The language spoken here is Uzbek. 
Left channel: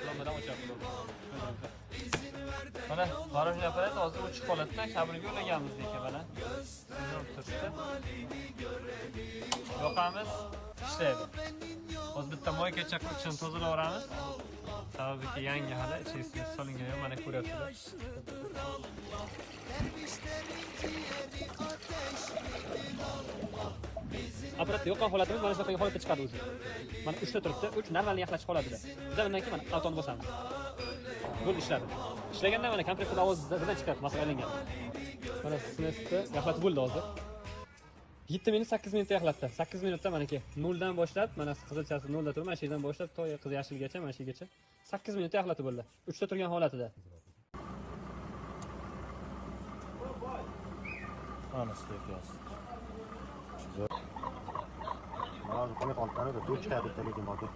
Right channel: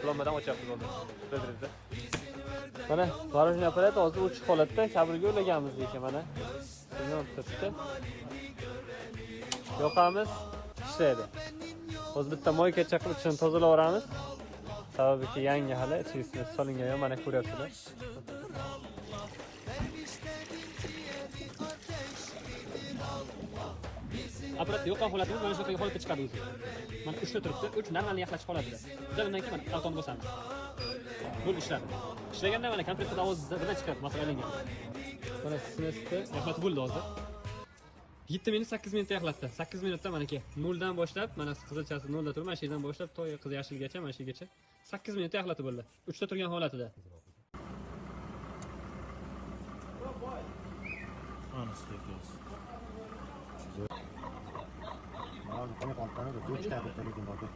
Qulomadan ochyapti. Ko'rdingizmi? Mana tvorojniy apparat hozir o'chib qoladi-da, kabelga ulaganmiz lekin mana. Buni tutib yoqamiz, ishlaydi. O'zi bitta moyka chaqib ichini tozalab olamiz. Sababi yangi hali ichisiga solingan ham mana ko'ryapsizlar. Apparatda yoqqan holatimiz mana shunaqa holatda chiqadi o'zi. Mana 3 ta turibdi, 3 normalniy yaxlashib qoladi-da. Biz undan keyin mana avtoni bosamiz. Bo'ldi ishladi. Ishlaganda mana kompressor ovoz birdan chiqadi, masalan aylangan. Mana sinasida yaxlatib bo'ldi hozir. 7 minut 8 minutda yaxlatdi. 8 minutda manaki 0 dan boshlab, mana qizilchasi 0 da turib, mana shu yerdan boshlab to qiz yashilgacha, mana shu yergacha 8 minutda yaxlatib bo'ldi. 3 ta turgan holatida. Ana steklas. Mana bu telefon tanida, do'chka deb telegram oldi.